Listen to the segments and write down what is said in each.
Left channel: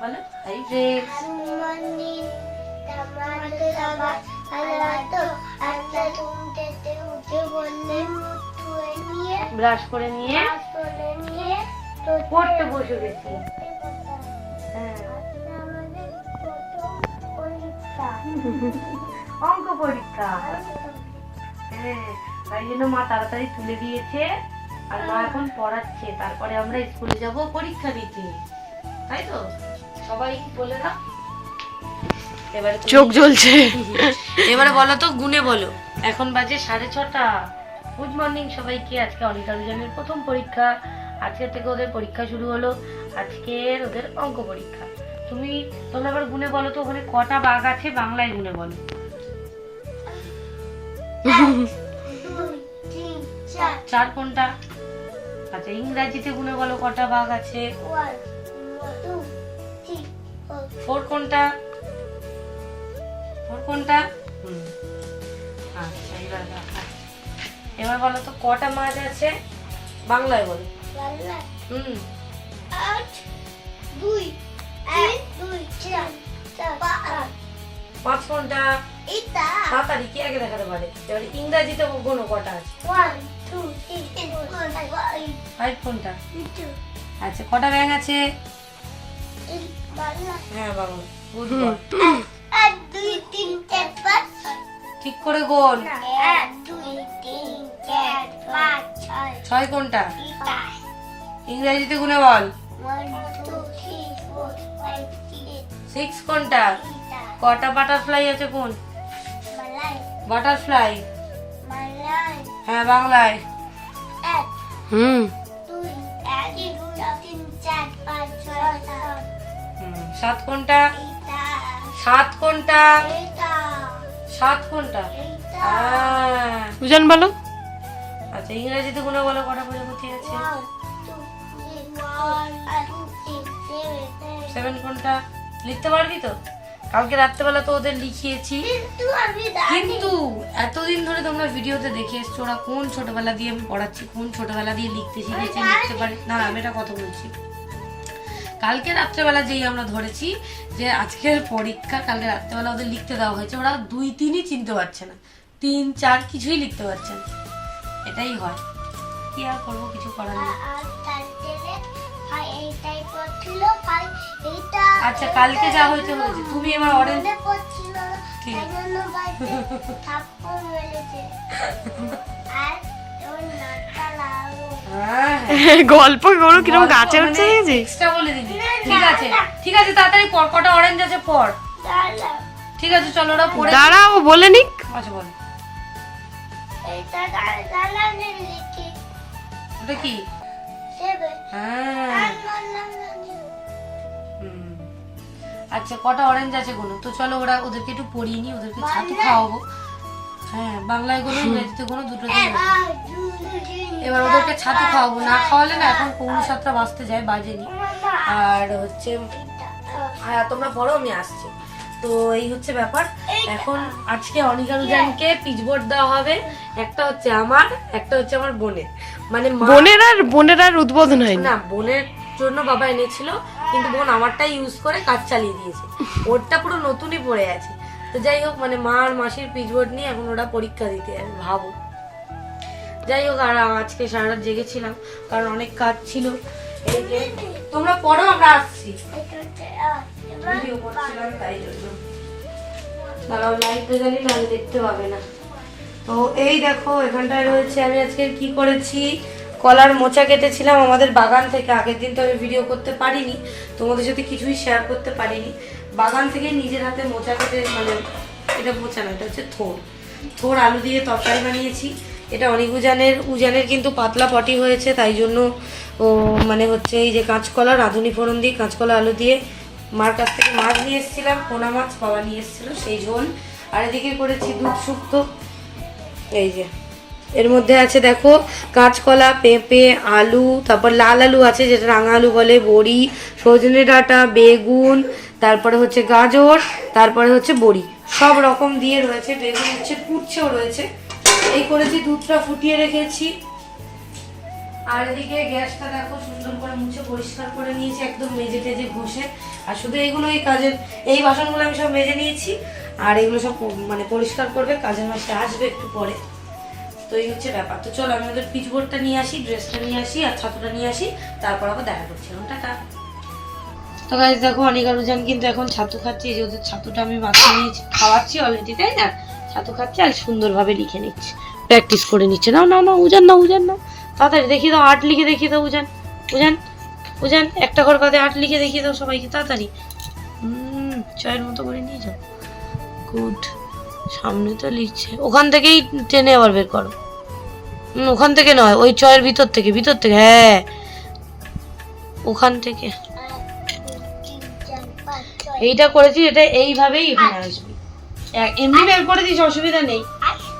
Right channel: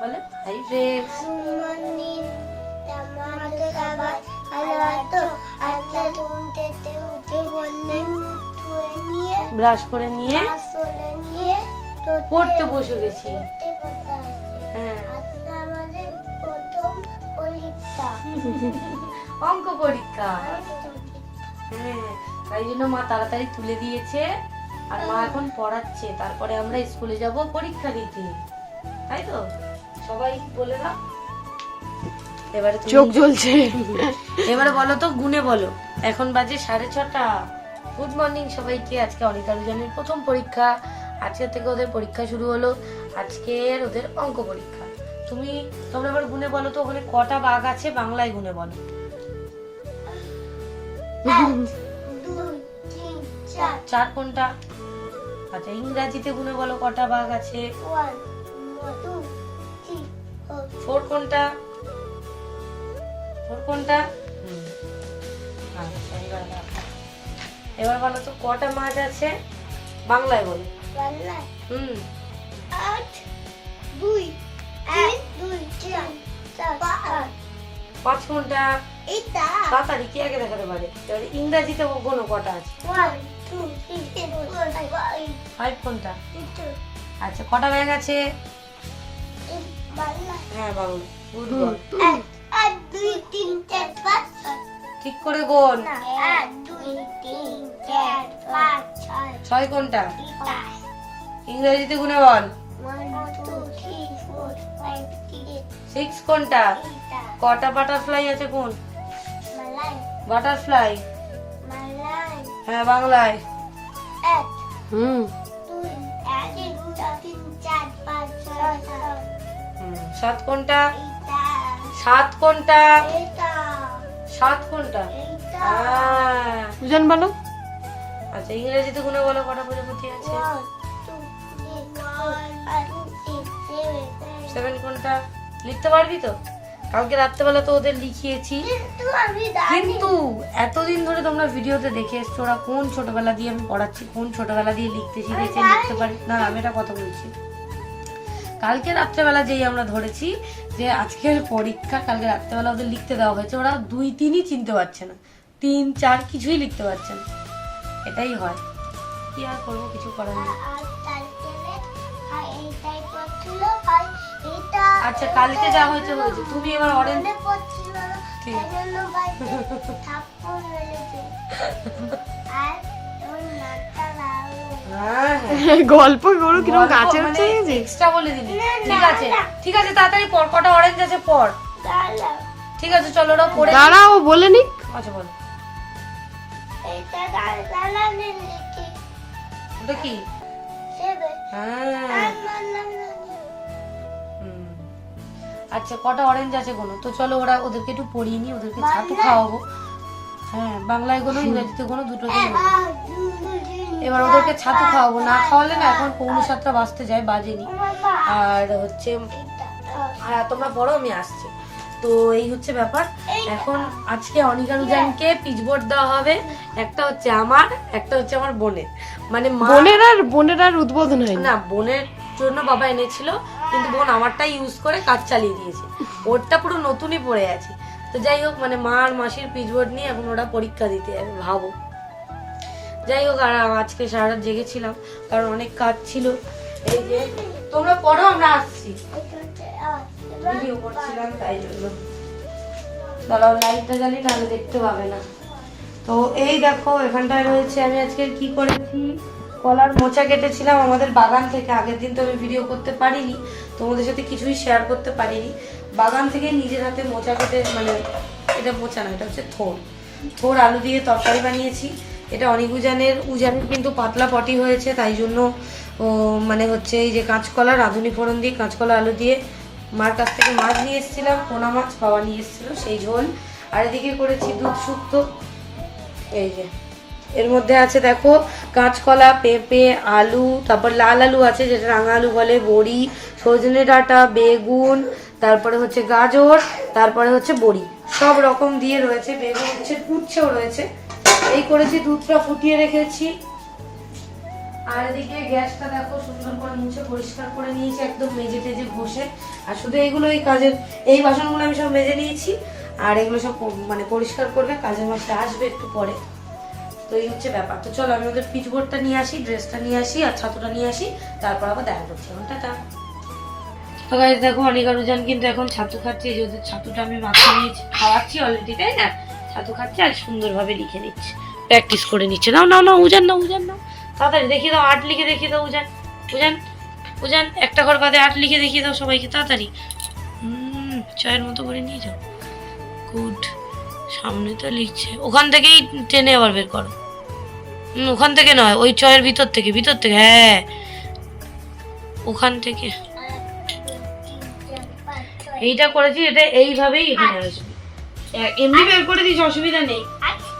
বলো hi friends. Brush করে নিয়ে পড়তে বসে গেছি। হ্যাঁ অঙ্ক পরীক্ষা। হ্যাঁ তাই জন্য মা তাড়াতাড়ি তুলে দিয়েছে আর মা এখন পড়াচ্ছে, তারপরে আমরা স্কুলে যাব পরীক্ষা দিতে, তাই তো? সবাই বলে দাও। এবারে চোখ জ্বলছে। এবারে বলো তো গুনে বলো। এখন বাজে 6:30। গুড মর্নিং সবাইকে। আজকে অনিকা রুজানের প্রথম পরীক্ষা, আজকে থেকে ওদের পরীক্ষা শুরু হলো। আজকের ওদের অঙ্ক পরীক্ষা। তোমরা এবার গুনে বলো তো ওখানে কটা বাঘ আছে, বাংলায় গুনে বলো। 4 কোনটা? আচ্ছা ইংরেজিতে গুনে বলো কটা বাঘ আছে। 4 কোনটা? 4 কোনটা? আচ্ছা এবার বলো তো কটা মাছ আছে, বাংলায় বলো। 5 কোনটা? তাড়াতাড়ি কি আগে দেখাতে পারে। এবার ইংরেজিতে কোনো কটা আছে? 5 কোনটা? আচ্ছা কটা ব্যাঙ আছে? হ্যাঁ বাবু ঠিক করে গোল। 6 কোনটা? ইংরেজিতে গুনে বল। 6 কোনটা? কটা বাটারফ্লাই আছে কোন? বাটারফ্লাই। হ্যাঁ বাংলায়। 7 কোনটা? 7 কোনটা? 7 কোনটা? বুঝান বলো। আচ্ছা ইংরেজিতে গুনে বলো কটা প্রজাপতি আছে। 7 কোনটা? লিখতে পারবি তো? কালকে রাত্রেবেলা তো ওদের লিখিয়েছি, কিন্তু এতদিন ধরে তোমরা ভিডিওতে দেখে এসছো ওরা কোন ছোটবেলা দিয়ে আমি পড়াচ্ছি, কোন ছোটবেলা দিয়ে লিখতে শিখেছে, লিখতে পারে না। আমি এটা কথা বলছি, কালকে রাত্রেবেলা যেই আমরা ধরেছি যে আজকের পরীক্ষা, কালকে রাত্রেবেলা ওদের লিখতে দেওয়া হয়েছে, ওরা 2, 3ই চিনতে পারছে না, 3, 4 কিছুই লিখতে পারছে না। এটাই হয়, কি আর করবো, কিছু করার নেই। আচ্ছা কালকে যা হয়েছে হয়েছে, তুমি এবার অরেঞ্জ গল্প করো কিরকম গাছে উঠছে এক্সট্রা বলে দিবি। ঠিক আছে ঠিক আছে তাড়াতাড়ি পড়, কটা অরেঞ্জ আছে পড়। ঠিক আছে চলো ওরা পড়ে দাঁড়াও বলে নিক। আচ্ছা বল। ওটা কি? হ্যাঁ আচ্ছা কটা অরেঞ্জ আছে কোনো তো, চলো ওদেরকে একটু পড়িয়ে নি, ওদেরকে ছাতু খাওয়াবো। হ্যাঁ বাংলায় কোনো ইংরেজিতে কোনো দুটোতেই। এবার ওদেরকে ছাতু খাওয়াবো, না খাওয়ালে না এখন 6:45 বাজতে যায়, বাজেনি। আর হচ্ছে তোমরা পড়ো আমি আসছি। তো এই হচ্ছে ব্যাপার। এখন আজকে অনিকা রুজানকে পিচবোর্ড দেওয়া হবে, একটা হচ্ছে আমার, একটা হচ্ছে আমার বোনের। মানে বোনের আর উদ্বোধন হয় না, বোনের জন্য বাবা এনেছিল, কিন্তু বোন আমারটাই ইউজ করে কাজ চালিয়ে দিয়েছে, ওরটা পুরো নতুনই পড়ে আছে। তো যাই হোক মানে মা আর মাসির পিচবোর্ড নিয়ে এখন ওরা পরীক্ষা দিতে যাবে ভাবো। যাই হোক আর আজকে সারা রাত জেগেছিলাম কারণ অনেক কাজ ছিল। এই যে তোমরা পড়ো আমরা আসছি। ভিডিও করছিলাম তাই জন্য দাঁড়াও, লাইটটা জ্বালিয়ে নাহলে দেখতে পাবে না। তো এই দেখো এখানটায় রয়েছে আমি আজকে কি করেছি, কলার মোচা কেটেছিলাম আমাদের বাগান থেকে। আগের দিন তো আমি ভিডিও করতে পারিনি, তোমাদের সাথে কিছুই শেয়ার করতে পারিনি। বাগান থেকে নিজের হাতে মোচা কেটে, মানে এটা মোচা না, এটা হচ্ছে থোড় আলু দিয়ে তরকারি বানিয়েছি। এটা অনেক উজানের কিন্তু পাতলা পটি হয়েছে, তাই জন্য মানে হচ্ছে এই যে কাঁচকলা, রাঁধুনি ফোড়ন দিয়ে কাঁচকলা আলু দিয়ে, মার কাছ থেকে মাছ নিয়ে এসেছিলাম, পোনা মাছ বাবা নিয়ে এসেছিল, সেই ঝোল। আর এদিকে করেছি দুধ শুক্তো। এই যে এর মধ্যে আছে দেখো কাঁচকলা, পেঁপে, আলু, তারপর লাল আলু আছে যেটা রাঙা আলু বলে, বড়ি, সজনে ডাঁটা, বেগুন, তারপরে হচ্ছে গাজর, তারপরে হচ্ছে বড়ি, সব রকম দিয়ে রয়েছে। বেগুন হচ্ছে উচ্ছেও রয়েছে। এই করেছি, দুধটা ফুটিয়ে রেখেছি। আর এদিকে গ্যাসটা দেখো সুন্দর করে মুছে পরিষ্কার করে নিয়েছি একদম মেজে টেজে ঘষে। আর শুধু এইগুলো এই কাজের এই বাসনগুলো আমি সব মেজে নিয়েছি। আর এগুলো সব মানে পরিষ্কার করবে, কাজের মাসে আসবে একটু পরে। তো এই হচ্ছে ব্যাপার। তো চলো আমি ওদের পিচবোর্ডটা নিয়ে আসি, ড্রেসটা নিয়ে আসি আর ছাতুটা নিয়ে আসি, তারপর আবার দেখা করছি। এখন টাটা। তো গাইস দেখো অনিকা রুজান কিন্তু এখন ছাতু খাচ্ছে। এই যে ওদের ছাতুটা আমি মাখিয়ে নিয়েছি, খাওয়াচ্ছি অলরেডি, তাই না? ছাতু খাচ্ছে আর সুন্দরভাবে লিখে নিচ্ছে, প্র্যাকটিস করে নিচ্ছে। নাও নাও নাও উজান, না উজান না, তাড়াতাড়ি দেখিয়ে দাও, 8 লিখে দেখিয়ে দাও উজান। উজান উজান একটা ঘর বাদে 8 লিখে দেখিয়ে দাও সবাইকে, তাড়াতাড়ি। চয়ের মতো করে নিয়ে যাও। গুড, সামনে তো লিখছে, ওখান থেকেই টেনে আবার বের করো। ওখান থেকে নয়, ওই চয়ের ভিতর থেকে, ভিতর থেকে, হ্যাঁ ওখান থেকে। এইটা করেছি, এটা এইভাবেই এখানে আসবে। এমনি বের করে দিস, অসুবিধা নেই।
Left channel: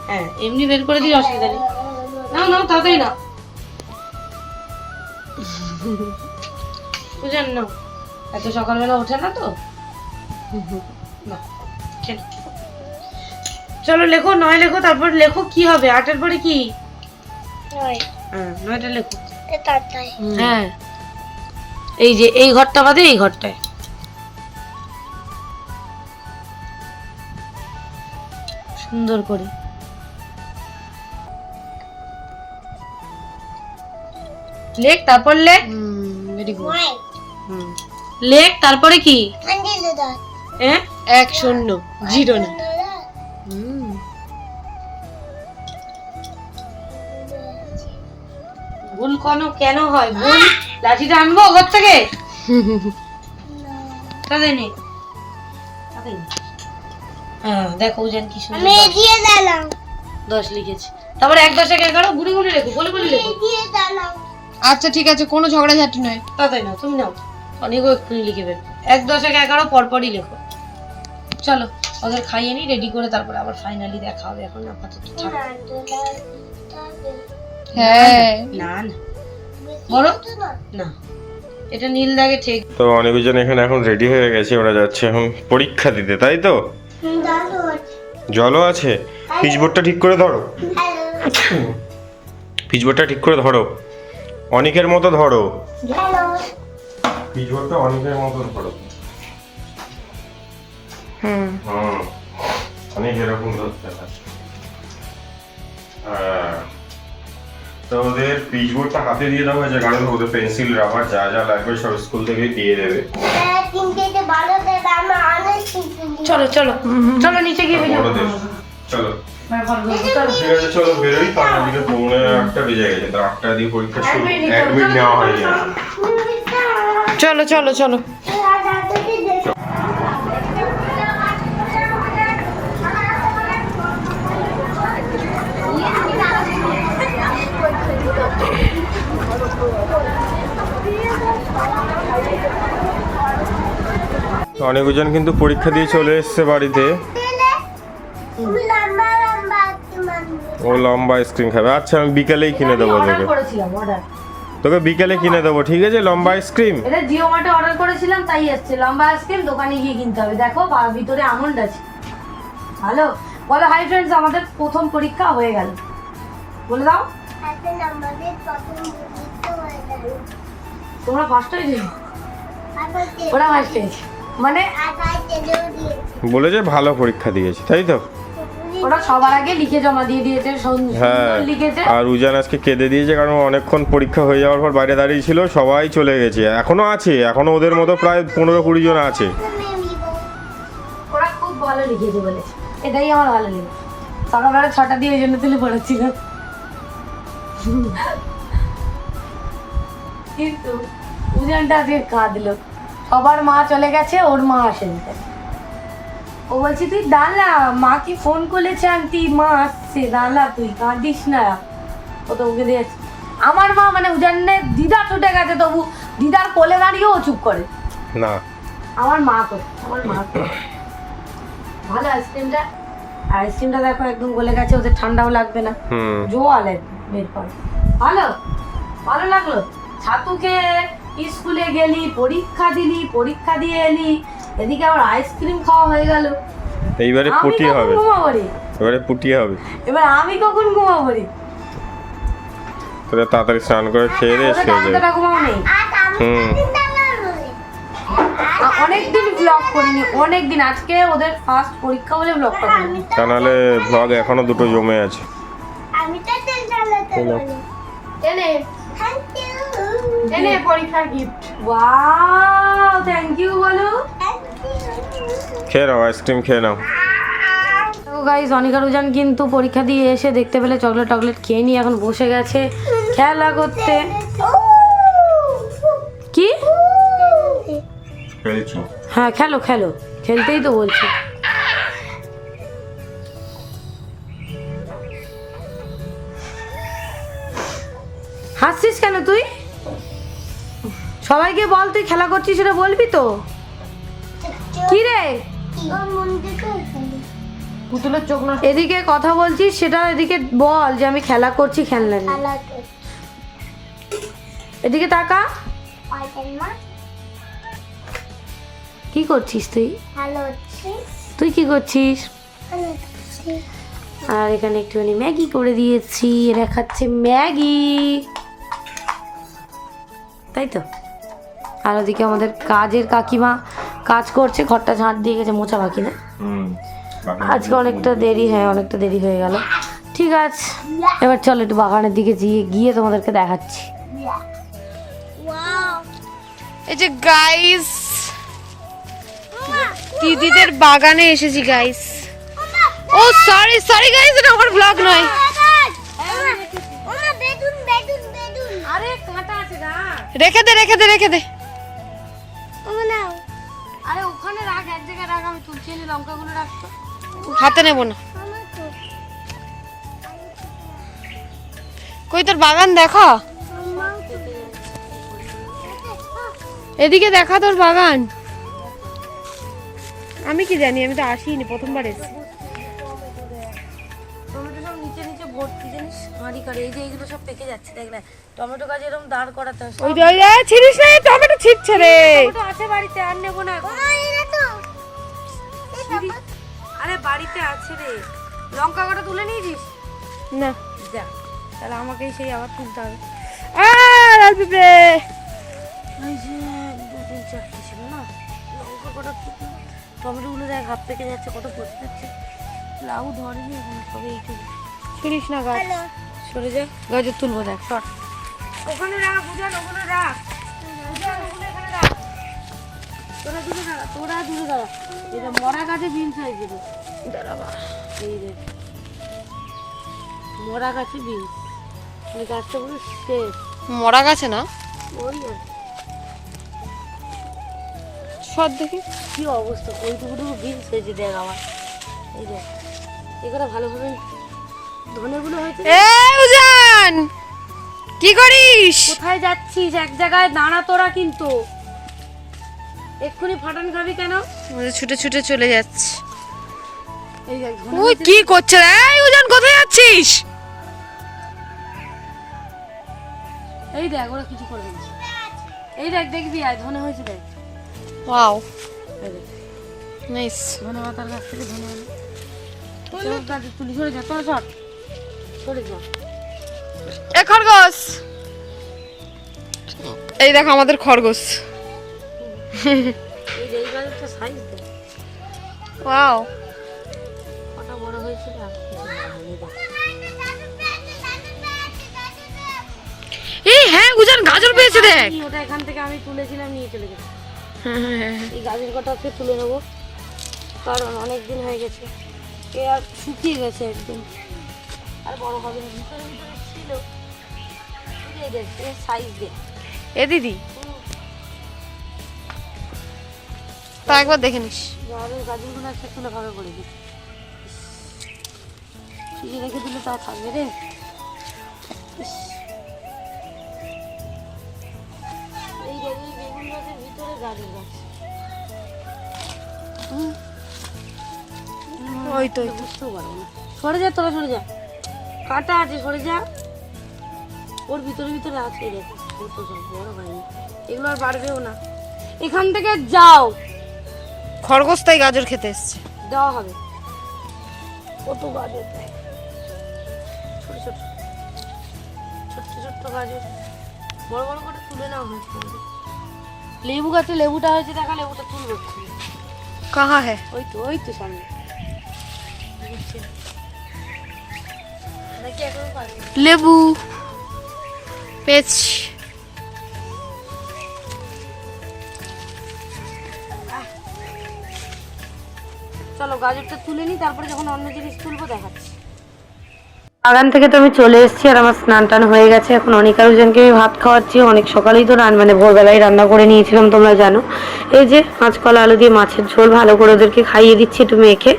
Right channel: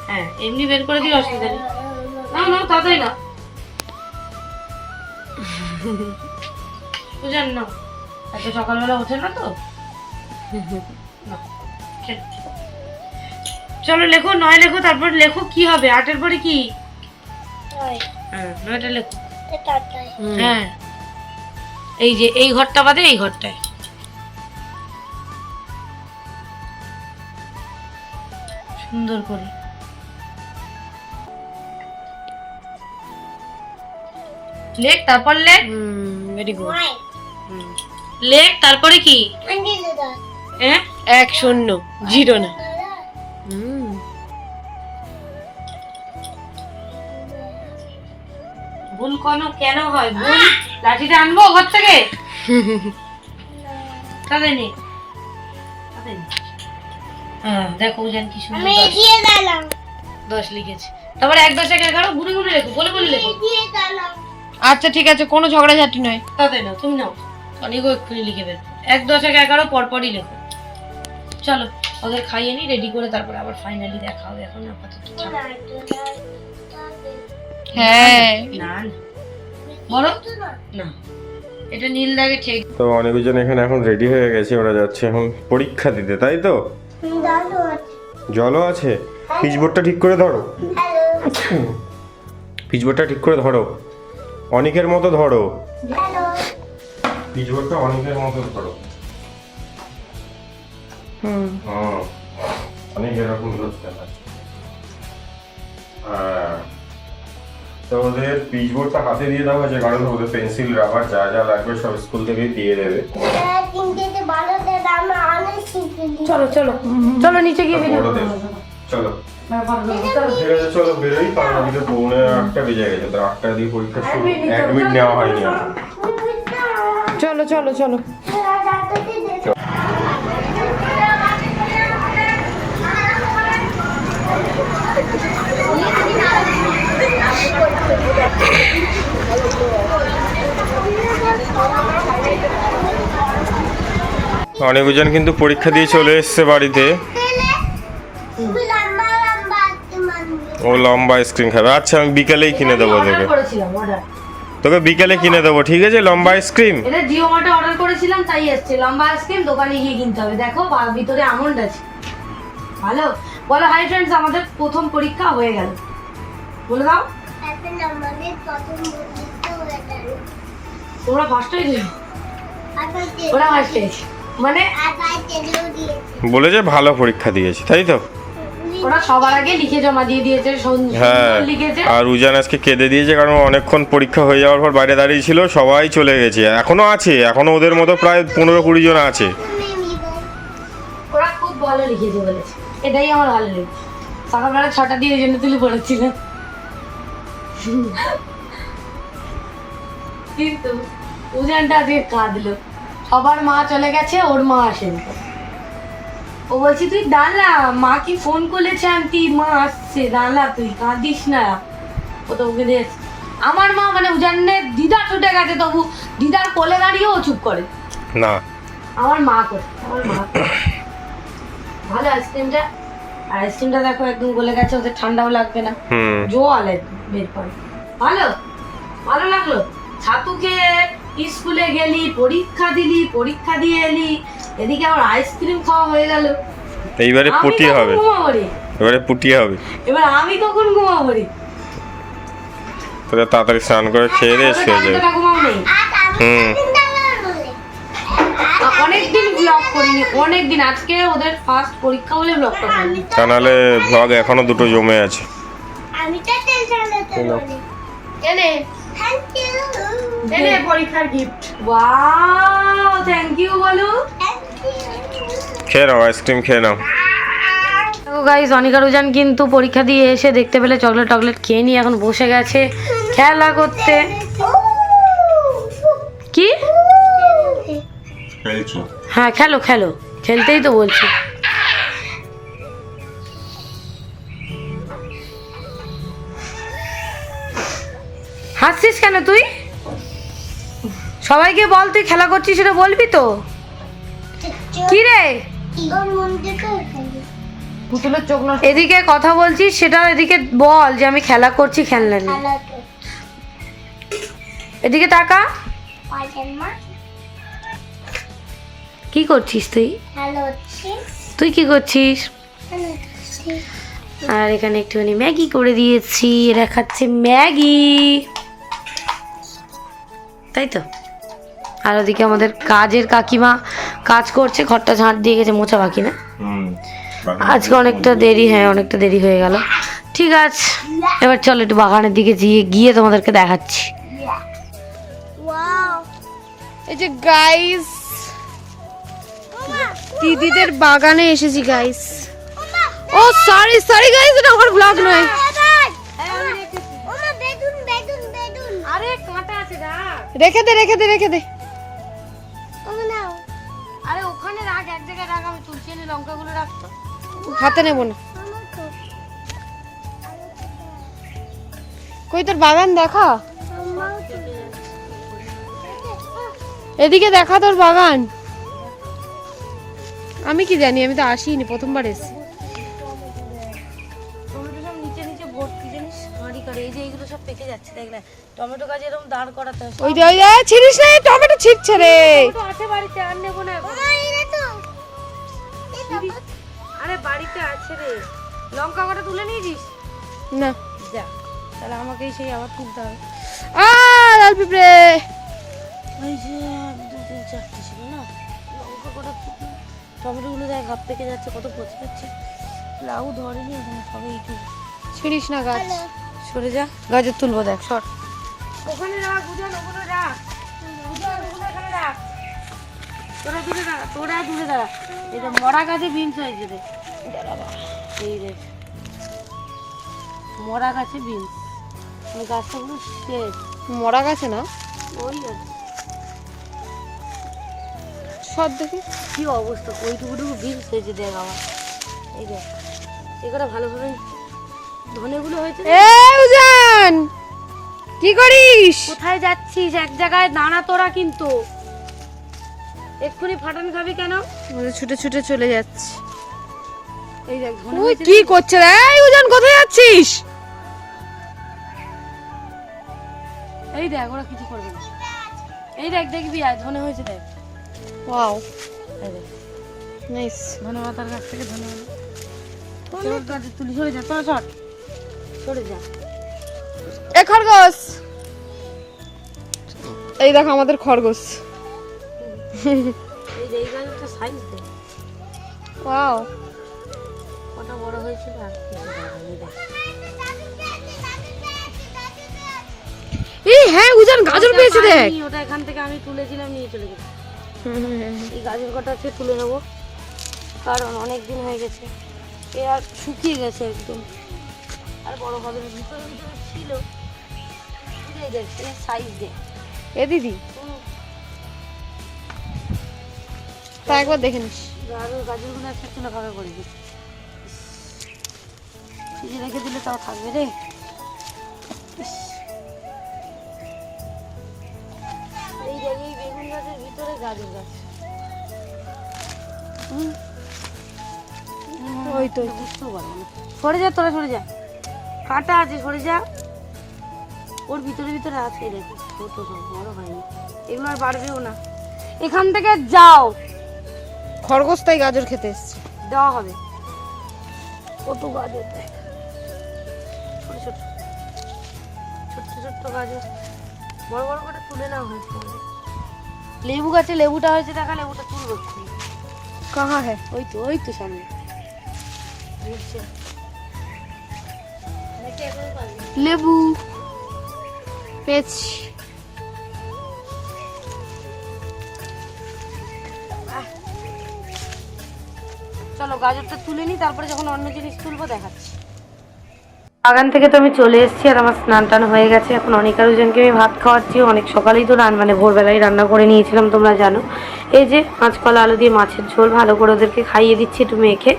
হ্যাঁ এমনি বের করে দিস, অসুবিধা নেই। না না তাড়াতাড়ি না বুঝেন না, এত সকালবেলা ওঠে না তো। না, খেলো। চলো লেখো, 9 লেখো, তারপর লেখো কি হবে 8 পরে কি? হ্যাঁ 9টা লেখো। হ্যাঁ এই যে এই ঘরটা বাদে এই ঘরটায়। সুন্দর করে লেখ, তারপর লেখ। Very good. লেখ, তারপরে কি? হ্যাঁ 1 0 0 না। ভুল কেন হয়? ভুল লাঠিটা আনবো ঘর থেকে? তাদের নেই, তাদের নেই। হ্যাঁ দেখো উজান কি সুন্দর 10 লিখেছে। তারপরে 1 10 11 ঘুরে ঘুরে লেখো, বলে বলে লেখো। আচ্ছা ঠিক আছে, কোনো ঝগড়াঝাটি নয়। তাদের না, তুমি নাও, অনেকও এক্ষুনি লিখে বের। 1 10 11 পরপরই লেখো। চলো ওদের খাইয়ে নি, রেডি করে তারপরে আবার ফাইনালি দেখা হবে। এখন আপাতত থাক। হ্যাঁ না না বলো না, এটা নীল দাগে ঠিক। তো অনেকজন এখানে এখন রেডি হয়ে গেছে, ওরা যাচ্ছে এখন পরীক্ষা দিতে, তাই তো? জলও আছে। পিচবোর্ডটা ঠিক করে ধরো, পিচবোর্ডটা ঠিক করে ধরো, অনেকের মতো ধরো, পিচবোর্ডটা অনেকের মতো ধরো। অনেক এরকম ধরতে হয়। তো ওদের পিচবোর্ডটা হাতে দিয়ে দেওয়া হয়েছে, কারণ ওদের পেন্সিল রাবার যা যা লাগবে সব স্কুল থেকেই দিয়ে দেবে। চলো চলো চলো নিচে গিয়ে ভিডিও বড় দেশ। চলো ঠিক আছে, চলো বেরোই। কারণ ওদিকে 8:45 বেজে গেছে, তো 8টার দিকে পরীক্ষা শুরু, অ্যাডমিট নেওয়া হয়নি। চলো চলো চলো। অনেকজন কিন্তু পরীক্ষা দিয়ে চলে এসছে বাড়িতে। ও লম্বা আইসক্রিম খাবে। আচ্ছা আমি বিকালেই কিনে দেবো তোকে, তোকে বিকালে কিনে দেবো, ঠিক আছে? লম্বা আইসক্রিম এটা জিও মার্টে অর্ডার করেছিলাম, তাই এসেছে। লম্বা আইসক্রিম দোকানে গিয়ে কিনতে হবে। দেখো ভিতরে আমন্ড আছে। ভালো বলো হাই ফ্রেন্ডস, আমাদের প্রথম পরীক্ষা হয়ে গেল। বলে দাও তোমরা ফার্স্ট হয়েছে, ওরা ফার্স্ট হয়েছে, মানে বলেছে ভালো পরীক্ষা দিয়েছে, তাই তো? ওরা সবার আগে লিখে জমা দিয়ে দিয়েছে, হ্যাঁ। লিখেছে। আর উজান আজকে কেঁদে দিয়েছে, কারণ অনেকক্ষণ পরীক্ষা হয়ে যাওয়ার পর বাইরে দাঁড়িয়ে ছিল, সবাই চলে গেছে। এখনো আছে, এখনো ওদের মতো প্রায় 15-20 জন আছে। ওরা খুব ভালো লিখেছে বলেছে, এটাই আমার ভালো লেগেছে। সকালবেলা 6টা দিয়ে ওই জন্য তুলে পড়াচ্ছিলাম। কিন্তু উজানটা আজকে কাঁদলো, সবার মা চলে গেছে, ওর মা আসেনি। ও বলছি তুই দাঁড়া, মা কি ফোন করেছে আন্টি, মা আসছে, দাঁড়া তুই কাঁদিস না। ও তো ওকে দিয়ে আমার মা মানে উজানের দিদা ছুটে গেছে, তবু দিদার কোলে দাঁড়িয়েও ও চুপ করে না। আমার মা করে, আমার মা করে। ভালো আইসক্রিমটা, আইসক্রিমটা দেখো একদম গলে গেছে, ওদের ঠান্ডাও লাগবে না। জোয়ালে বের করে ভালো, ভালো লাগলো। ছাতু খেয়ে স্কুলে গেলি, পরীক্ষা দিলি, পরীক্ষা দিয়ে এলি, এদিকে আবার আইসক্রিম খাওয়া হয়ে গেল। এইবারে পুটিয়ে হবে, এবারে পুটিয়ে হবে। এবার আমি কখন ঘুমাবো রে? তোকে তাড়াতাড়ি স্নান করে খেয়ে দিয়ে শুয়ে যাবে। ঠাকুমাও নেই। হুম অনেকদিন ব্লগ করিনি, অনেকদিন। আজকে ওদের ফার্স্ট পরীক্ষা বলে ব্লগটা করিনি। তা নাহলে ভ্লগ এখনো দুটো জমে আছে। আমি তো তেল চালাতে বলি। এনে থ্যাংক ইউ এনে পরীক্ষার গিফট। ওয়াও, থ্যাংক ইউ বলো। থ্যাংক ইউ খেয়ে নাও, আইসক্রিম খেয়ে নাও। তো গাইস, অনিকা রুজান কিন্তু পরীক্ষা দিয়ে এসে দেখতে পেলে চকলেট টকলেট খেয়ে নিয়ে এখন বসে গেছে খেলা করতে। কি? হ্যাঁ খেলো খেলো, খেলতেই তো বলছি। হাসছিস কেন তুই? সবাইকে বল তুই খেলা করছিস, সেটা বলবি তো। কি রে পুতুলের চোখ না। এদিকে কথা বলছিস, সেটা এদিকে বল যে আমি খেলা করছি, খেলনা নিয়ে। এদিকে তাকা। কি করছিস তুই? ভালো হচ্ছে তুই কি করছিস? ভালো হচ্ছে আর এখানে একটুখানি ম্যাগি করে দিয়েছি, এরা খাচ্ছে ম্যাগি, তাই তো। আর ওদিকে আমাদের কাজের কাকিমা কাজ করছে, ঘরটা ঝাঁট দিয়ে গেছে, মোছা বাকি না। আজকে অনেকটা দেরি, হ্যাঁ অনেকটা দেরি হয়ে গেল। ঠিক আছে, এবার চলো একটু বাগানের দিকে গিয়ে তোমাদেরকে দেখাচ্ছি। ওয়াও এই যে গাইস, দিদিদের বাগানে এসেছি গাইস। ও সরি সরি গাইস, এটা আমার ব্লগ নয়। ওমা বেদুন বেদুন বেদুন আরে কাঁটা আছে না, রেখে দে রেখে দে রেখে দে। ওমা নাও আরে ওখানে রাখ, এক জায়গায় রাখ, আমি তুলছি নি, লঙ্কাগুলো রাখতো। হাতে নেব না। কই তোর বাগান দেখা, এদিকে দেখা তোর বাগান। আমি কি জানি, আমি তো আসিনি, প্রথমবার এসেছি। টমেটো সব নিচে নিচে ভর্তি, জানিস হাঁড়ি করে। এই যে এইগুলো সব পেকে যাচ্ছে, দেখলে টমেটো গাছ এরকম দাঁড় করাতে হয়। ওই যে ছিড়িস না, টমেটো ছিটছে রে। টমেটো আছে বাড়িতে, আর নেবো না এখন। ওমা এটা তো এই বাবা আরে বাড়িতে আছে রে। লঙ্কা কটা তুলে নিয়েছিস? না যা, তাহলে আমাকেই সেই আবার তুলতে হবে। লাল পিঁপড়ে। ওই যে 1 2 3 4টে ছিল না, লঙ্কা কটা তুলে। টমেটোগুলো দেখ হাত পেকে যাচ্ছে, কত পচে যাচ্ছে। লাউ ধরেনি এখন, সবে এই তুলে। ছিড়িস না গাছ। সরে যা, গাজর তুলবো, দেখ সর। ওখানে রাখ বুঝান, ওখানে রাখ বুঝান, ওখানে এখানে রাখ। তোরা দূরে দাঁড়া, তোরা দূরে দাঁড়া। এটা মরা গাছে বিনস হয়েছে রে, দাঁড়াবা। এই রে মরা গাছে বিনস, এই গাছটা পুরো শেষ। মরা গাছে না, ওই আর সব দেখি। কি অবস্থা, ওইটুকুটুকু বিনস হয়েছে দেখ আমার। এই দেখ, এগুলো ভালোভাবে ধনেগুলো হয়েছে। এ উজান, কি করিস? কোথায় যাচ্ছিস? এক জায়গায় দাঁড়া তোরা, কিন্তু এক্ষুনি ফাটান খাবি কেন? ছুটে ছুটে চলে যাচ্ছে। এই দেখ ধনে ওই হয়েছে। কি করছে রে? এই উজান, কোথায় যাচ্ছিস? এই দেখ, ওরা কিছু করবে না। এই দেখ, দেখবি আর ধনে হয়েছে দেখ। ওয়াও, এই দেখ, নাইস। ধনে মাথার কাছ থেকে ধনে হলো। তোর গাছে তুলি, সরে যা, চল সর, সরে যা। এ খরগোশ, এই দেখো আমাদের খরগোশ। এই যে এই গাছটা সাইজ দেখ, ওয়াও, কত বড় হয়েছিল। আর কিছু বড় হয়নি দেখ। এই হ্যাঁ উজান গাজর পেয়েছে দেখ। আমি ওটা এখান থেকে আমি তুলেছিলাম, নিয়ে চলে গেছি। এই গাছের কটা আছে তুলে নেবো, কারণ অনেক দিন হয়ে গেছে, এ আর শুকিয়ে গেছে একদম, আর বড় হবে না। ভিতরে ভিতরে ছিল, এই দেখ সাইজ দেখ। এ দিদি, তা একবার দেখে নিস। গাজরগুলো আছে, তুলে ভাবে করে দিচ্ছি, ফ্রিজে রেখে দিলে তাও থাকবে রে। এই দেখ, এই বেগুন গাছের ভিতরে গাজর গাছ। ওই তো বুঝতেও পারবো না। সরে যা তোরা, সরে যা, কাটা আছে, সরে যা। ওর ভিতরে ভিতরে আছে, দেখো ছোট সব, বড় হয়নি। এগুলো আর বাড়বেও না, এখান থেকে যাও। খরগোশ তাই গাজর খেতে এসছে। দেওয়া হবে, কত গাজর দেখ, ছোট ছোট ছোট ছোট্ট ছোট্ট গাজর বড় বড় করে তুলে নেওয়া হয়েছে আমাদের। লেবু গাছে লেবুটা হয়েছে, দেখা লেবুটা তুলবো একটু। कहाँ है? ওই তো সামনে নিচে। নাকি এখনো পারবে? लेबू पेच। চলো গাজরটা তুলে নিই, তারপরে যখন অন্য জিনিস তুলবো দেখাচ্ছি। বাগান থেকে তো আমি চলে এসেছি আর আমার স্নান টান হয়ে গেছে। এখন অনেক আরোজনকে আমি ভাত খাওয়াচ্ছি। অনেক সকালেই তো মানে ভোরবেলায় রান্না করে নিয়েছিলাম, তোমরা জানো। এই যে কাঁচকলা আলু দিয়ে মাছের ঝোল ভালো করে ওদেরকে খাইয়ে দিচ্ছি একটু মেখে।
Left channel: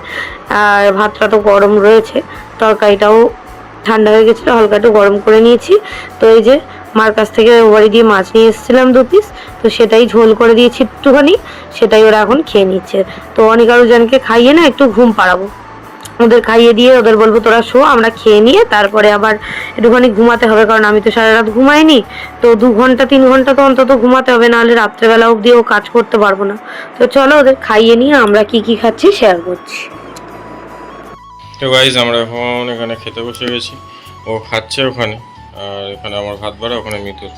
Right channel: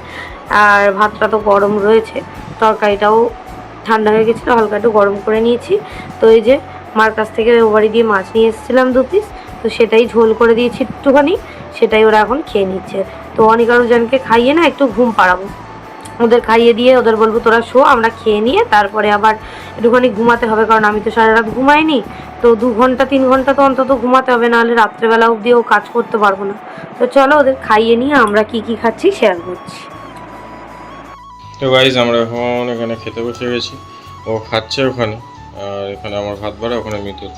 আর ভাতটা তো গরম রয়েছে, তরকারিটাও ঠান্ডা হয়ে গেছিলো, হালকা একটু গরম করে নিয়েছি। তো এই যে মার কাছ থেকে বাড়ি দিয়ে মাছ নিয়ে এসেছিলাম 2 পিস, তো সেটাই ঝোল করে দিয়েছি একটুখানি, সেটাই ওরা এখন খেয়ে নিচ্ছে। তো অনেক আরোজনকে খাইয়ে না একটু ঘুম পাড়াবো, ওদের খাইয়ে দিয়ে ওদের বলবো তোরা শো, আমরা খেয়ে নিয়ে তারপরে আবার একটুখানি ঘুমাতে হবে, কারণ আমি তো সারা রাত ঘুমাইনি। তো 2 ঘন্টা 3 ঘন্টা তো অন্তত ঘুমাতে হবে, নাহলে রাত্রেবেলা অবধিও কাজ করতে পারবো না। তো চলো ওদের খাইয়ে নিয়ে আমরা কি কি খাচ্ছি শেয়ার করছি। তো গাইজ আমরা এখন এখানে খেতে বসে গেছি, ও খাচ্ছে ওখানে, আর এখানে আমার ভাত বাড়া, ওখানে মিতুল।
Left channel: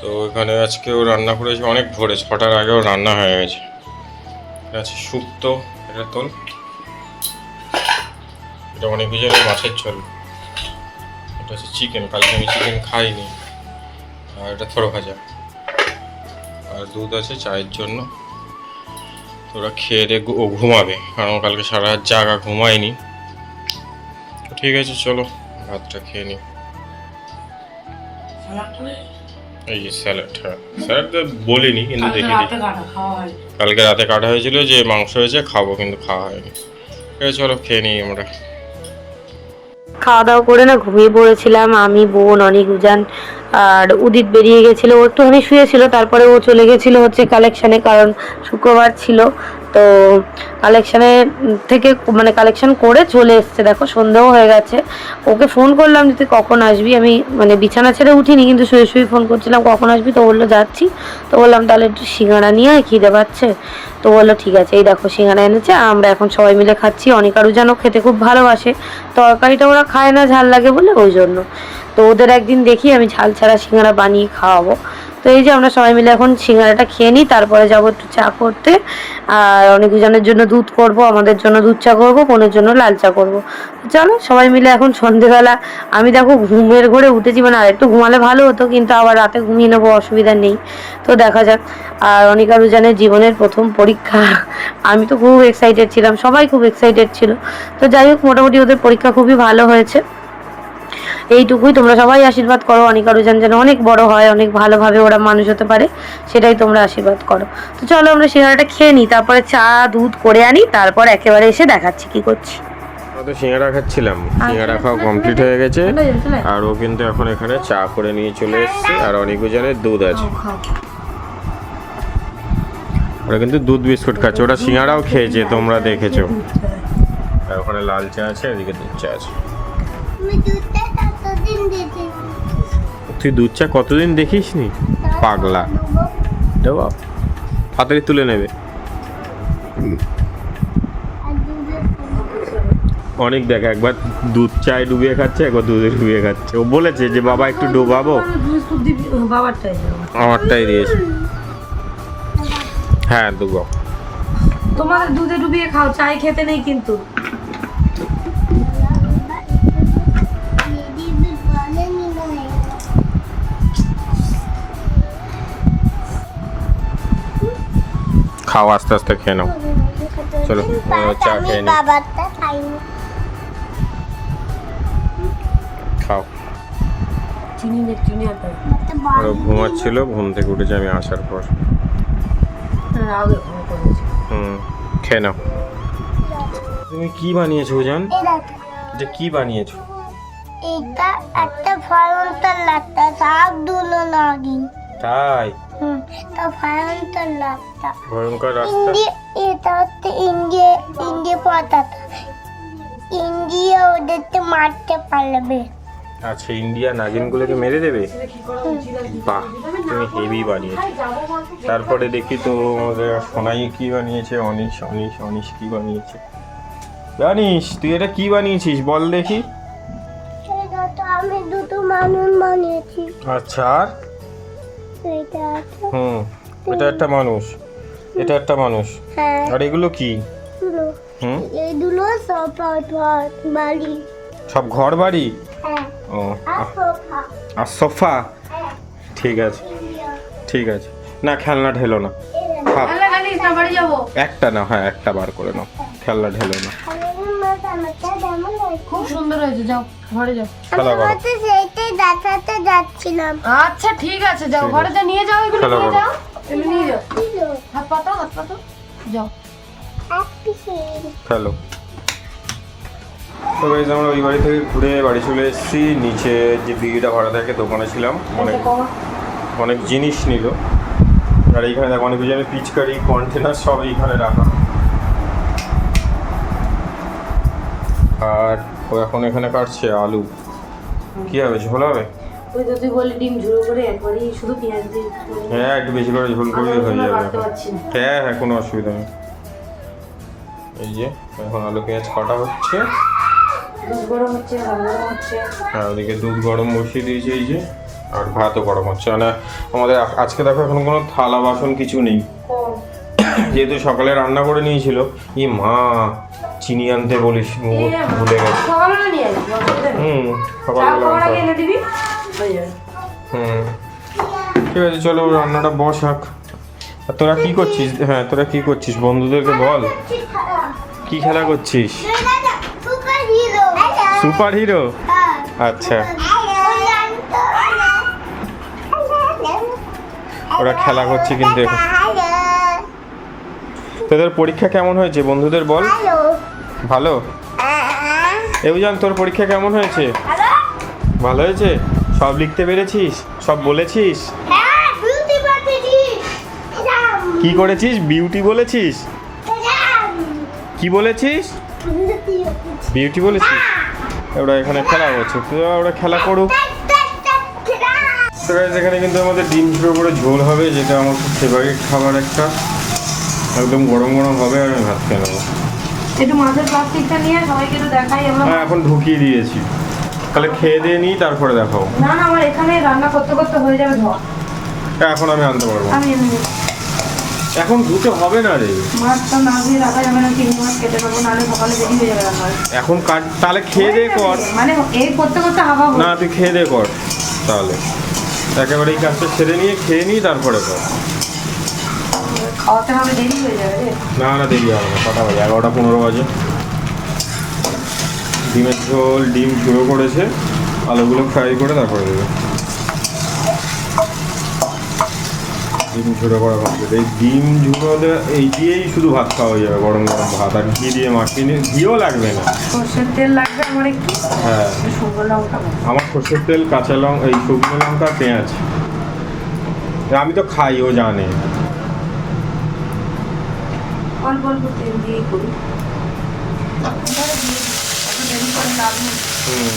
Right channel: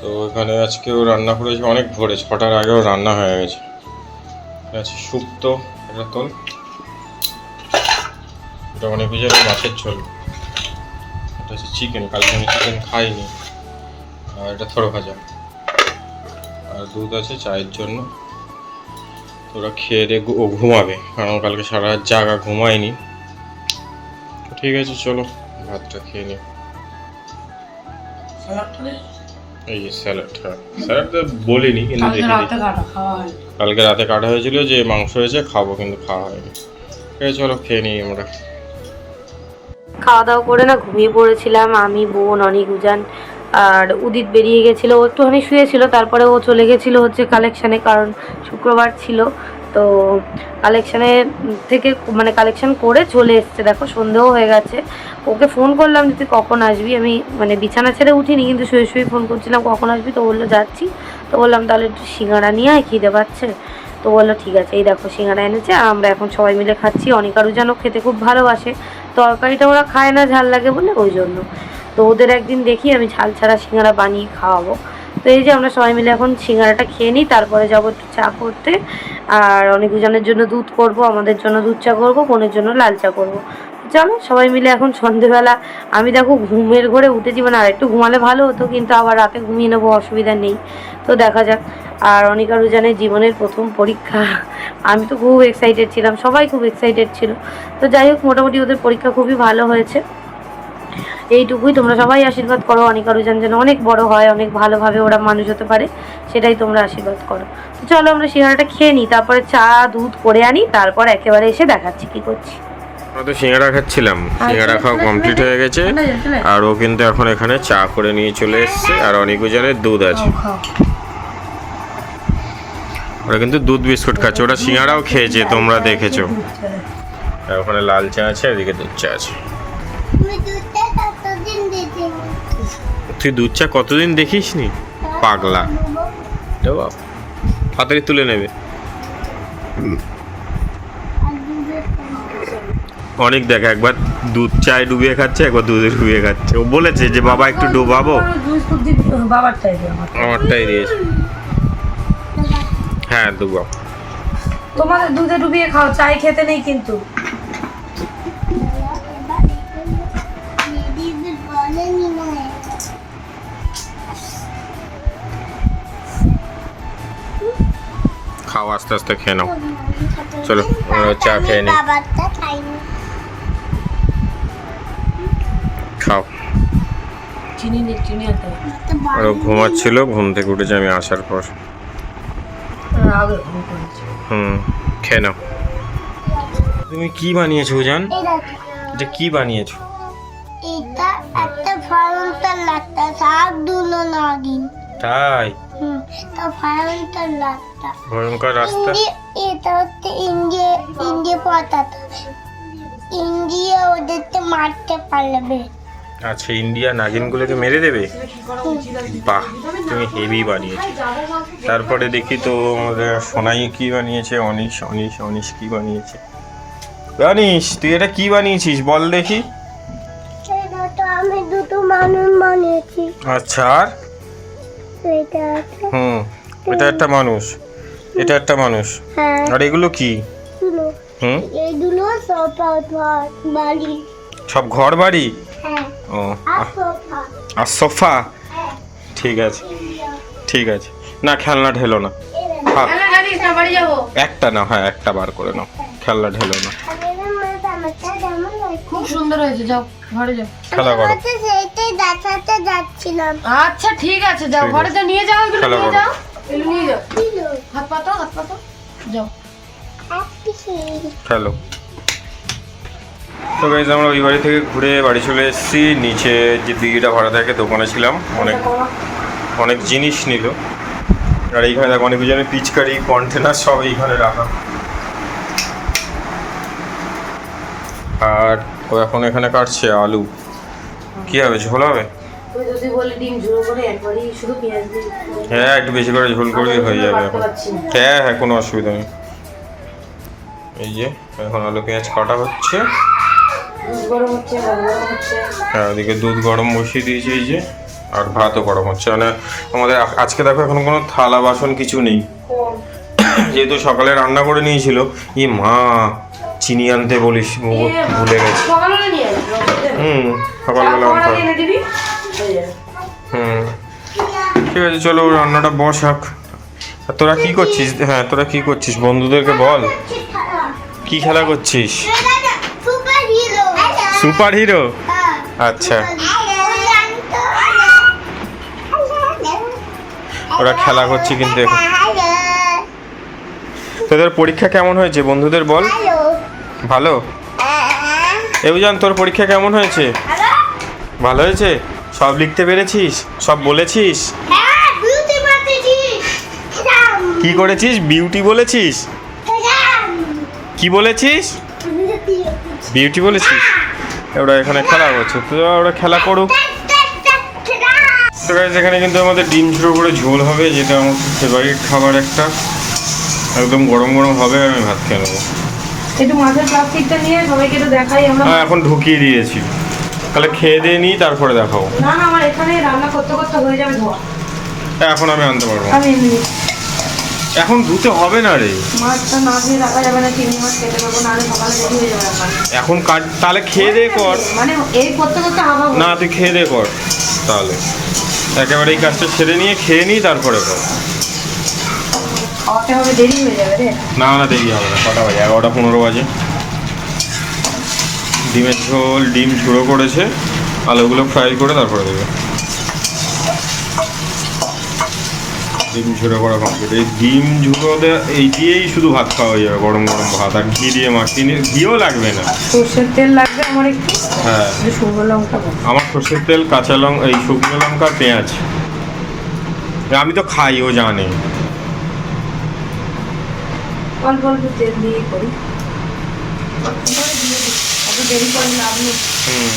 তো এখানে আজকে ও রান্না করেছে অনেক ভোরে, 6টার আগেও রান্না হয়ে গেছে। এটা আছে শুক্তো, এটা তোল, এটা অনেক বিজয়ের মাছের ঝোল, এটা হচ্ছে চিকেন, কালকে আমি চিকেন খাইনি, আর এটা থোড়ো ভাজা, আর দুধ আছে চায়ের জন্য। তো ওরা খেয়ে দিয়ে ও ঘুমাবে, কারণ কালকে সারা রাত জাগা, ঘুমায়নি। তো ঠিক আছে চলো ভাতটা খেয়ে নিই। এই যে স্যালাড, হ্যাঁ স্যালাড তো বলিনি, কিন্তু দেখে দিই কালকে রাতে কাটা হয়েছিল যে মাংস হয়েছে খাবো, কিন্তু খাওয়া হয়নি। ঠিক আছে চলো খেয়ে নিই আমরা। খাওয়া দাওয়া করে না ঘুমিয়ে পড়েছিলাম আমি, বোন, অনেক উজান আর উদিত বেরিয়ে গেছিলো, ও একটুখানি শুয়েছিল। তারপরে ও চলে গেছিলো হচ্ছে কালেকশানে, কারণ শুক্রবার ছিল। তো কালেকশানে থেকে মানে কালেকশান করে চলে এসছে, দেখো সন্ধেও হয়ে গেছে। ওকে ফোন করলাম যে তুই কখন আসবি, আমি মানে বিছানা ছেড়ে উঠিনি, কিন্তু শুয়ে শুয়ে ফোন করছিলাম কখন আসবি। তো বললো যাচ্ছি। তো বললাম তাহলে একটু সিঙ্গাড়া নিয়ে খিদে পাচ্ছে। তো বললো ঠিক আছে, এই দেখো সিঙ্গাড়া এনেছে, আমরা এখন সবাই মিলে খাচ্ছি। অনেক আরও যেন খেতে খুব ভালোবাসে, তরকারিটা ওরা খায় না ঝাল লাগে বলে, ওই জন্য। তো ওদের একদিন দেখি আমি ঝাল ছাড়া সিঙ্গাড়া বানিয়ে খাওয়াবো। তো এই যে আমরা সবাই মিলে এখন সিঙ্গাড়াটা খেয়ে নিই, তারপরে যাবো একটু চা করতে। আর অনেক জনের জন্য দুধ করব, আমাদের জন্য দুধ চা করবো, বোনের জন্য লাল চা করবো। চলো সবাই মিলে এখন সন্ধেবেলা, আমি দেখো ঘুমের ঘরে উঠেছি, মানে আর একটু ঘুমালে ভালো হতো, কিন্তু আবার রাতে ঘুমিয়ে নেবো, অসুবিধা নেই। তো দেখা যাক। আর অনিকা রুজানের জীবনের প্রথম পরীক্ষা, আমি তো খুব এক্সাইটেড ছিলাম, সবাই খুব এক্সাইটেড ছিল। তো যাই হোক, মোটামুটি ওদের পরীক্ষা খুবই ভালো হয়েছে। এইটুকুই, তোমরা সবাই আশীর্বাদ করো অনিকা রুজান যেন অনেক বড় হয়, অনেক ভালোভাবে ওরা মানুষ হতে পারে, সেটাই তোমরা আশীর্বাদ করো। তো চলো আমরা সিঙ্গাড়াটা খেয়ে নিই, তারপরে চা দুধ করে আনি, তারপর একেবারে এসে দেখাচ্ছি কি করছি। আমরা তো সিঙ্গাড়া খাচ্ছিলাম, সিঙ্গাড়া খাওয়া কমপ্লিট হয়ে গেছে, আর ও কিন্তু এখন এখানে চা করে নিয়ে চলে এসছে, আর অনেক জনের দুধ আছে। ওরা কিন্তু দুধ বিস্কুট খাচ্ছে, ওরা সিঙ্গাড়াও খেয়েছে, তোমরা দেখেছো। আর ওখানে লাল চা আছে, এদিকে দুধ চা আছে। আমি দুধটা কতদিন দিতে তুই দুধ চা কতদিন দেখিস নি, পাগলা। হাতারি তুলে নেবে। অনেক দেখ, একবার দুধ চায় ডুবিয়ে খাচ্ছে, একবার দুধে ডুবিয়ে খাচ্ছে। ও বলেছে যে বাবা একটু ডোবাবো, আমারটাই দিয়েছে। হ্যাঁ ডুবাও। তোমাকে দুধে ডুবিয়ে খাও, চাই খেতে নেই কিন্তু। দিদি বলেনি না খাও, আস্তে আস্তে খেয়ে নাও। চলো আমরা চা খেয়ে নিই। বাবারটা খাইনি। খাও। চিনি নেই, চিনি আনতে হবে। আর ও ঘুমাচ্ছিল, ঘুম থেকে উঠেছে আমি আসার পর। আগে ফোন করেছি। খেয়ে নাও। তুমি কি বানিয়েছো জান? এই দেখো, এটা কি বানিয়েছো? এটা একটা ভয়ঙ্কর লাট্টা, শাক দুলো নাগিন। তাই? তা ভয়ঙ্কর লাট্টা। ভয়ঙ্কর রাস্তা। এটা হচ্ছে ইন্ডিয়া পতাকা। ইন্ডিয়া ওদেরকে মারতে পারবে। আচ্ছা, ইন্ডিয়া নাগিনগুলোকে মেরে দেবে? বাহ, তুমি হেভি বানিয়েছো। তারপরে দেখি তো আমাদের সোনাই কি বানিয়েছে, অনিশ কি বানিয়েছে। অনিশ, তুই এটা কি বানিয়েছিস বল দেখি। সেটা তো আমি দুটো মানুষ বানিয়েছি। আচ্ছা আর এটা আছে হুম, এটা একটা মানুষ, এটা একটা মানুষ, হ্যাঁ আর এগুলো কি? এগুলো হুম, এগুলো সোফা বাড়ি সব ঘর বাড়ি। হ্যাঁ ও আর সোফা আর সোফা, হ্যাঁ ঠিক আছে ঠিক আছে। না খেলনা ঢেলো না, থাক। বাড়ি যাবো। একটা না, হ্যাঁ একটা বার করে নাও, খেলনা ঢেলো না, খুব সুন্দর হয়েছে, যাও ঘরে যাও। খেলা করো। সেইটাই দেখাতে যাচ্ছিলাম আচ্ছা ঠিক আছে, যাও ঠিক ঘরে আছে। যা, নিয়ে যাও এগুলো, খেলা নিয়ে করো। যাও এগুলো নিয়ে যাও। হাত পাতো, হাত পাতো, যাও। খেলো। তো গাইজ আমরা ওই বাড়ি থেকে ঘুরে বাড়ি চলে এসেছি। নিচে যে দিঘিটা ভাড়া থাকে দোকানে ছিলাম, অনেক জিনিস নিল। আর এইখানে দেখো অনেক জনের পিচকারি কন্টেনার সব এইখানে রাখা। আর ও এখন এখানে কাটছে আলু। কি হবে, ঝোল হবে? ওই যদি বলে ডিম ঝুড়ো করে একবারই শুধু পেঁয়াজ দিয়ে হ্যাঁ একটু বেশি করে ঝোল করলেই হয়ে যাবে এখন। হ্যাঁ হ্যাঁ কোনো অসুবিধা নেই। এই যে এখন আলু পেঁয়াজ কাটা হচ্ছে। দুধ গরম হচ্ছে, ভাত গরম হচ্ছে। হ্যাঁ ওদিকে দুধ গরম বসিয়ে দিয়েছে এই যে, আর ভাতও গরম হচ্ছে। মানে আমাদের আজকে দেখো এখন কোনো থালা বাসন কিছু নেই, যেহেতু সকালে রান্না করে নিয়েছিল। ই মা, চিনি আনতে বলিস, ভুলে গেছি। সকালবেলা নিয়ে আসবি, অসুবিধা নেই। হুম সকালবেলা চা আনতে খাওয়ার আগে হবে। এনে দিবি, হয়ে যাবে। হুম ঠিক আছে, চলো রান্নাটা বসাক। আর তোরা কি করছিস? হ্যাঁ তোরা কি করছিস বন্ধুদেরকে বল, কি খেলা করছিস? সুপার হিরো সুপার হিরো, আচ্ছা। ওরা খেলা করছে কিন্তু এখন। তোদের পরীক্ষা কেমন হয়েছে বন্ধুদের বল। ভালো। এবুজান তোর পরীক্ষা কেমন হয়েছে? ভালো হয়েছে? সব লিখতে পেরেছিস? সব বলেছিস? কি করেছিস? বিউটি বলেছিস? কি বলেছিস? বিউটি বলেছিস? ওরা এখানে খেলা করছে, তো ওরা খেলা করুক। তো গাইস এখানে কিন্তু আমাদের ডিম ঝুড়ো করে ঝোল হবে, যেটা আমার খুব ফেভারিট খাবার একটা। একদম গরম গরম হবে, আর আমি ভাত খেয়ে নেবো। একটু মাছের প্লাস্টিকটা নিয়ে সবাইকে একটু দেখাই আমরা। হ্যাঁ এখন ঢুকিয়ে দিয়েছি, তাহলে খেয়ে দিয়ে নিই তারপরে দেখাবো। না না, আমার এখানে রান্না করতে করতে হয়ে যাবে ধোয়া। এখন আমি আনতে পারবো না। আমি এমনি এখন ধুতে হবে না রে, মাছটা না দিয়ে রাখা যাবে না, চিংড়ি মাছ কেটে নেবো, নাহলে সকালে দেরি হয়ে যাবে আমার। এখন কাট, তাহলে খেয়ে দে কর। মানে এই করতে করতে হাওয়া না তুই খেয়ে দে কর, তাহলে একেবারে এই কাজটা সেরে নিয়ে খেয়ে নিই তারপরে কর। খাওয়াতে হবে, দেরি হয়ে যাবে রে। না না দেরি হবে না, কটা বাজে? 11:15 বাজে। ডিমের ঝোল, ডিম ঝুড়ো করেছে, আলুগুলো ফ্রাই করে তারপরে দেবে। ডিম ঝুড়ো করা কমপ্লিট। এই ডিম ঝুড়ো এই দিয়েই শুধু ভাত খাওয়া হয়ে যাবে, গরম গরম ভাত। আর ঘি দিয়ে মাখিয়ে নিয়ে, ঘিও লাগবে না। সর্ষের তেল লাগবে আমার একটু, হ্যাঁ শুকনো লঙ্কা দেবো। আমার সর্ষের তেল, কাঁচা লঙ্কা, এই শুকনো লঙ্কা, পেঁয়াজ। আমি তো খাই, ও জানে। অল্প অল্প তেল দিয়ে করি, দেরি করে লাভ নেই। হুম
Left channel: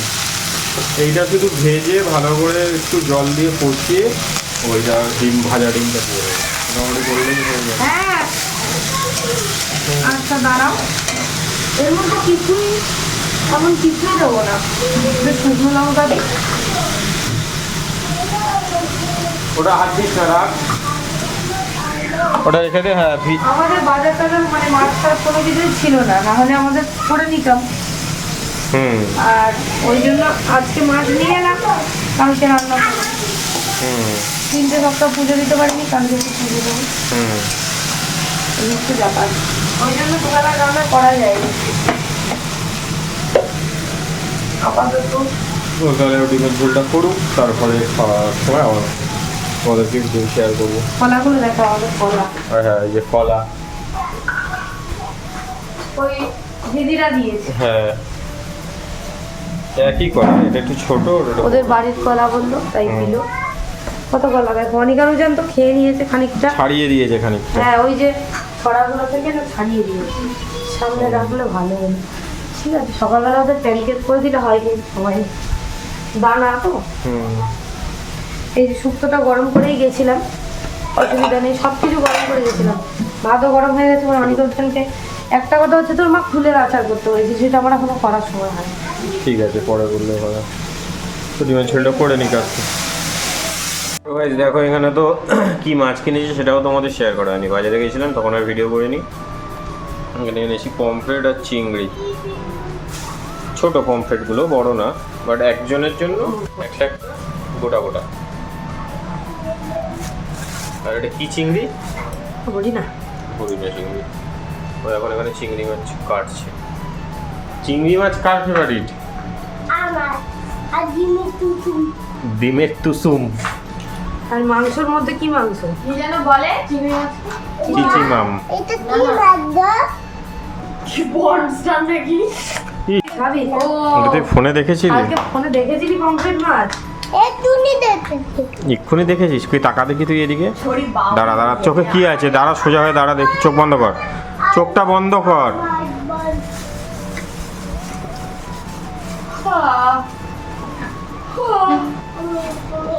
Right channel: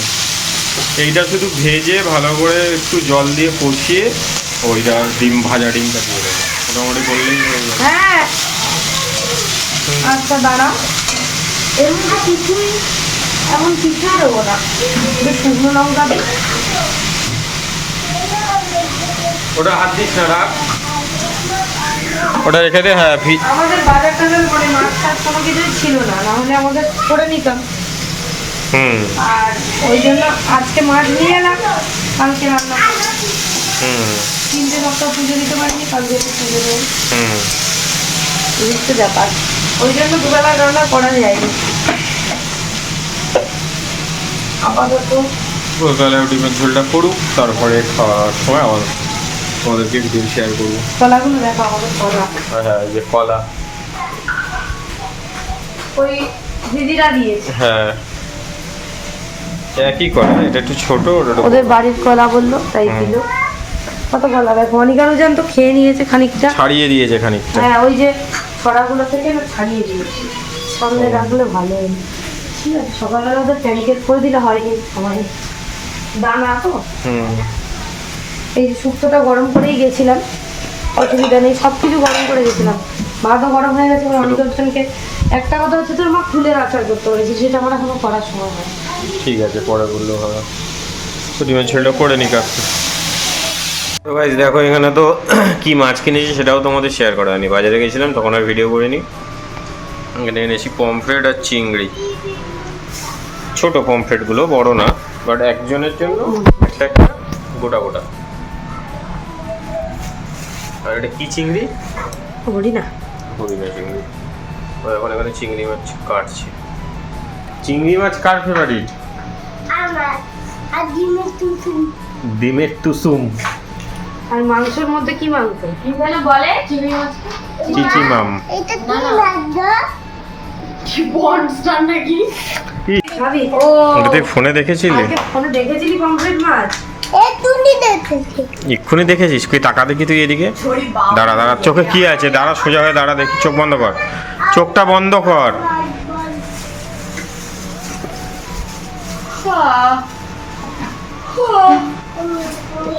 এইটা শুধু ভেজে ভালো করে একটু জল দিয়ে কষিয়ে ওইটা ডিম, ভাজা ডিমটা দিয়ে দেবে, মোটামুটি করলেই হয়ে যাবে। হ্যাঁ আচ্ছা দাঁড়াও, এর মধ্যে কিছুই এমন কিছুই দেবো না, শুকনো লঙ্কা দিই। ওটা হাত দিস না, রাখ ওটা রেখে দে। হ্যাঁ আমাদের বাজারটা যেন মানে মাছ টাছ কোনো কিছুই ছিল না, না হলে আমাদের করে নিতাম। হুম আর ওই জন্য আজকে মাছ নিয়ে এলাম, কালকে রান্না করবো। হুম 3টে সপ্তাহ পুজো দিতে পারিনি, কালকে পুজো দেবো, হুম এই হচ্ছে ব্যাপার। ওই জন্য দুবেলা রান্না করা যায়নি আপাতত। তো তাহলে ডিমের ঝোলটা করুক, তারপরে খাওয়ার সময় আবার তোমাদেরকে ভিডিও শেয়ার করবো। কলাগুলো দেখো, আমাদের কলা হ্যাঁ এই যে কলা, ওই দিদিরা দিয়েছে। হ্যাঁ একই কলা, এটা একটু ছোট, ওটা একটু ওদের বড়। বাড়ির কলা বললো তাই হুম। দিল। কত কলা দেখো, অনিকানুজান তো খেয়ে নিয়েছে খানিকটা। ছাড়িয়ে দিয়েছে খানিকটা। হ্যাঁ ওই যে ছড়াগুলো থেকে না ছাড়িয়ে দিয়েছি, সামনে রাখলে ভালো হয়। ঠিক আছে, সকালবেলা ওদের প্যানকেট করে দিলে হয়, কিন্তু সবাই দানা তো। হুম এই যে শুক্তোটা গরম করেই গেছিলাম, অসুবিধা নেই, সব কিছু গরম করে গেছিলাম। ভাতও গরম হয়ে গেছে। অনিকানুজানকে একটা কথা হচ্ছে, তোর মা ফুলের আচার করতে বলেছি, সেটা আমার এখনো করার সময় হয়। ঠিক আছে পরে বললেও হবে। তো ডিমের ঝোলটা করে নি কাটতে। তো গাইস দেখো এখানে তো কি মাছ কিনেছি সেটাও তোমাদের শেয়ার করা হয়নি, বাজারে গেছিলাম তখন আর ভিডিও করিনি। এখানে এনেছি পমফ্রেট আর চিংড়ি, ছোট পমফ্রেটগুলো, বড় না, বাট একজনের জন্য একটা একটা গোটা গোটা। আর এটা কি চিংড়ি? বলি না, হরিণা চিংড়ি। ও এখন এখানে চিংড়ি মাছ কাটছে। চিংড়ি মাছ কার ফেভারিট? আমার আর ডিমের টুটু ডিমের টুসুম। আর মাংসের মধ্যে কি মাংস কি যেন বলে? চিংড়ি মাছ। চিচিমাম। এটা কি লাগবে ভাবি ও এটা তুই ফোনে দেখেছিলি? আজকে ফোনে দেখেছিলি পমফ্রেট মাছ? এটুনি দেখেছি এক্ষুনি দেখেছিস? তুই তাকা দেখি তুই এদিকে। দাঁড়া দাঁড়া, চোখে কি আছে? দাঁড়া, সোজা হয়ে দাঁড়া, দেখি, চোখ বন্ধ কর, চোখটা বন্ধ কর।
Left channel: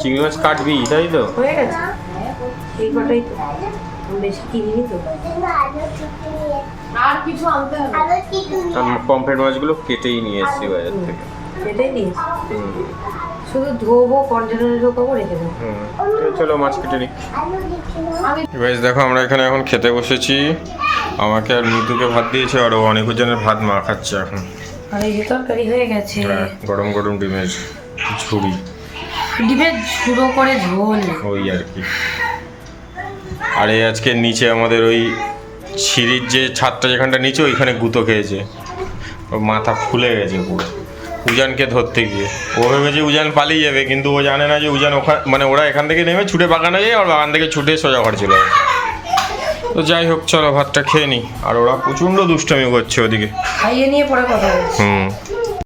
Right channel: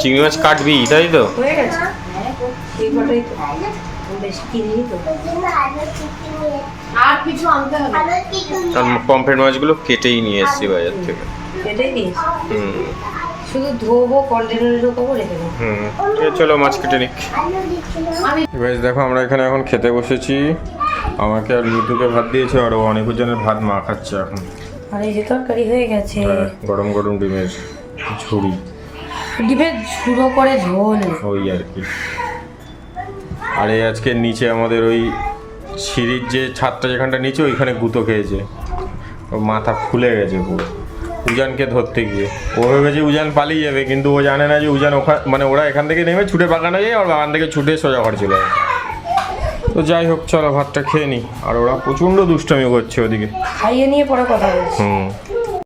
চিংড়ি মাছ কাটবি তাই তো? হয়ে গেছে এই কটাই তো, আমি বেশি কিনিনি তো। আর কিছু আনতে হবে আর কিছু কারণ পমফ্রেট মাছগুলো কেটেই নিয়ে এসেছি বাজার থেকে। এটাই নিস, হুম শুধু ধোবো, কন্টেনারে ঢোকাবো, রেখে দেবো। হুম, চলো মাছ কেটে নিক। আলু দিচ্ছি গাইস দেখো আমরা এখানে এখন খেতে বসেছি। আমাকে আর মিতুকে ভাত দিয়েছে, আর ও অনেকজনের ভাত মা খাচ্ছে এখন। আর এই যে তরকারি হয়ে গেছে, হ্যাঁ, গরম গরম ডিমের ঝুড়ি, ডিমের ঝুড়ো করে ঝোল। ওই আর কি। আর এই আজকে নিচে আমাদের ওই সিঁড়ির যে ছাদটা যেখানটা নিচে, ওইখানে গুঁতো খেয়েছে, ওর মাথা ফুলে গেছে পুরো উজানকে ধরতে গিয়ে। ও ভেবেছে উজান পালিয়ে যাবে, কিন্তু ও জানে না যে উজান ওখানে, মানে ওরা এখান থেকে নেমে ছুটে বাগানে যায়, আর বাগান থেকে ছুটে সোজা ঘরে চলে যায়। তো যাই হোক, চলো ভাতটা খেয়ে নিই। আর ওরা প্রচণ্ড দুষ্টামি করছে ওদিকে। খাইয়ে নিয়ে পরে কথা বলছি। হুম